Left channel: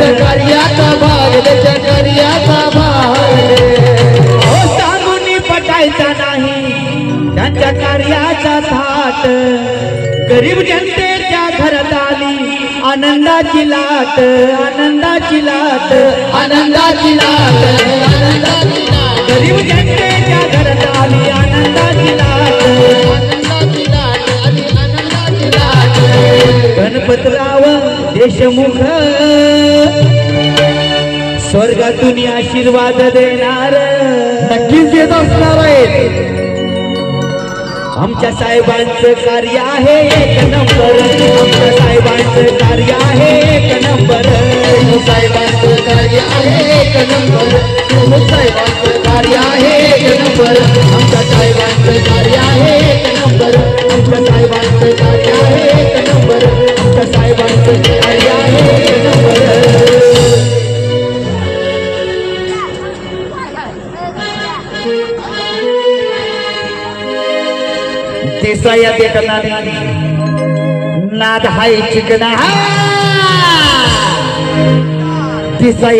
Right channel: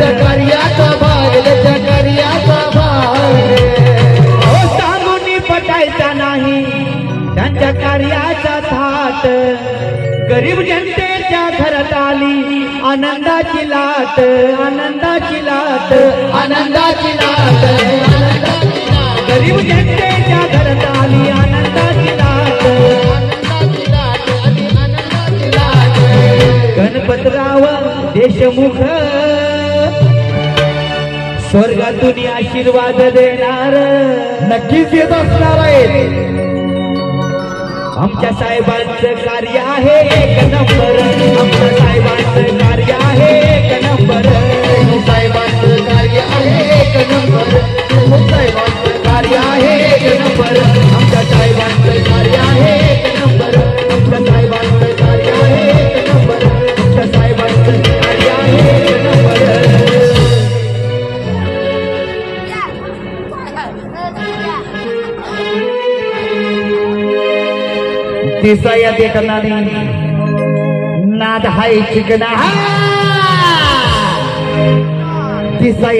कार्याचा भाग त्याच्या कार्याचा भाग सांगून पटायचा नाही त्यांच्या कार्याचा थाट गरीब जनतेच्या घरात आली आनंदाची लाट आनंदाची लाट आनंदाची लाट गरीब जनतेच्या घरात आली आनंदाची लाट गणपतराव देशमुख स्वर्गातून आशीर्वाद देणार नक्कीच येत असणार आहे आमच्या साहेबांचं कार्य आहे एक नंबर आमच्या साहेबांचं कार्य आहे एक नंबर साहेबांचं कार्य आहे एक नंबर साहेबांचं कार्य आहे एक नंबर आमच्या साहेबांचं कार्य आहे एक नंबर आमच्या साहेबांचं कार्य आहे एक नंबर आमच्या साहेबांचं कार्य आहे एक नंबर दिसाया देखना नाद हाय चिकना दिसाया